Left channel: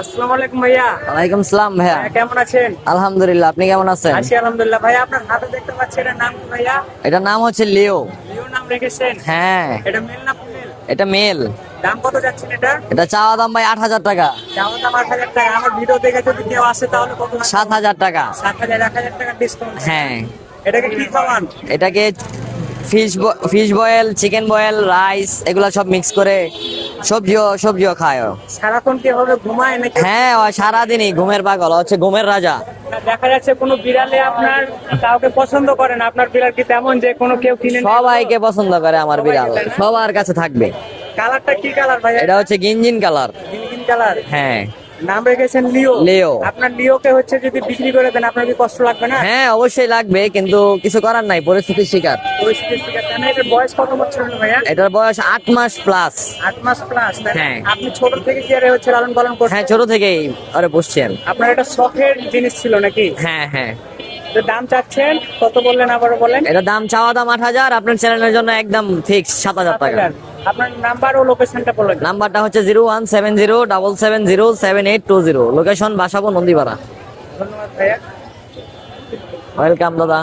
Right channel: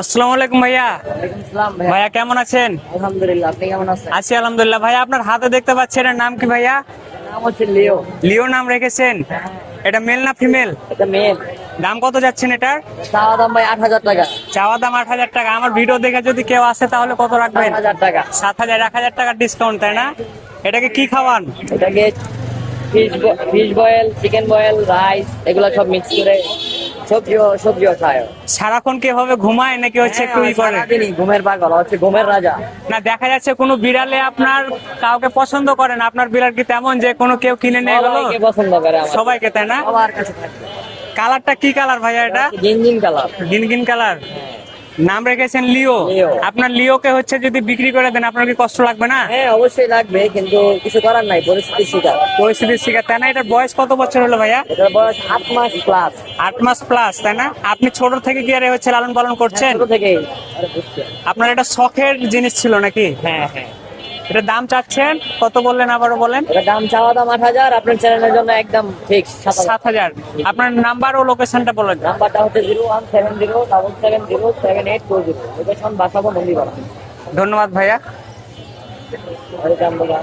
আসসালামু আলাইকুম ভাইয়া। ওয়ালাইকুম সালাম ভাইয়া। ভাইয়া কেমন আছেন? আলহামদুলিল্লাহ, আপনি কেমন আছেন? আছি আলহামদুলিল্লাহ। ভাইয়া আপনার হাতে দেখতে পাচ্ছি, এটার নাম কি ভাইয়া? এটার নাম হচ্ছে লিও। লিও নাম রেখেছেন? হ্যাঁ, এটা মেল না ফিমেল? এটা মেল। দাম কত যাচ্ছেন এটার? এটা চাওয়া দাম ভাই 8,000 টাকা। চাওয়া দাম 8,000 টাকা। আমার ভিডিও দেখে যদি কেউ আসে তাহলে কত রাখবেন? 7,000 টাকা। 7,000, 1,000 টাকার ডিসকাউন্ট, তাই না? হ্যাঁ। এটাকে কি খাওয়ান? এটাকে fish boil, chicken boil, rice এগুলা সব মিক্স করে সবজিও খায় ও। সারাক্ষণ কি হবে, ঘুমায় নাকি হচ্ছে হ্যাঁ, একটু ও ই করে? সারাদিনই ঘুমের পাগল, হচ্ছে ঘুমের রাজা। না, দেখা যাচ্ছে কোনো বিড়ালে আপনার কাউকে পছন্দ করে না। আপনার বিড়াল কি তেমন যে কোনো কেউ কিনে নেয়? সবাইকে পছন্দ করে আমার সবাইকে, বিড়াল, তাই না? সবার কাছে থাকবে। কালারটা কি কালার ভাইয়া? এটা হচ্ছে গিনজিন কালার। গিনগিন কালার। হ্যাঁ নাম রেখেছেন লিও। লিও। আপনার লিওকে হচ্ছে যদি বিক্রি করে দেন আপনার কি কষ্ট লাগবে না? হ্যাঁ, অবশ্যই লাগবে, কিন্তু কিছু করার নাই, পরিস্থিতির শিকার। পরিস্থিতির শিকার, তাই না? এটার বয়স কত বছর হলো ভাইয়া? এটার বয়স 8 মাস প্লাস। 8 মাস প্লাস, তাই না? হ্যাঁ। আপনি ছোট থেকে কি আরে হচ্ছে লালন পালন হ্যাঁ, করছেন? ছোট থেকেই আরে বসছেন। আপনার এটা শখের জিনিস ছিল নাকি? হ্যাঁ হ্যাঁ। এটা দাম চাচ্ছেন কত বললেন, আবারও বলেন? এটা দাম চাওয়া দাম 8,000, আপনার চ্যানেলের জন্য একদম ফিক্স 7,000 টাকা। 7,000। আপনার নাম্বার ও লোকেশনটা বলেন। নাম্বারটা হচ্ছে 017077077820। লোকেশন বাসাবো নন্দীপাড়া। ধন্যবাদ ভাইয়া। ওয়েলকাম দাদা।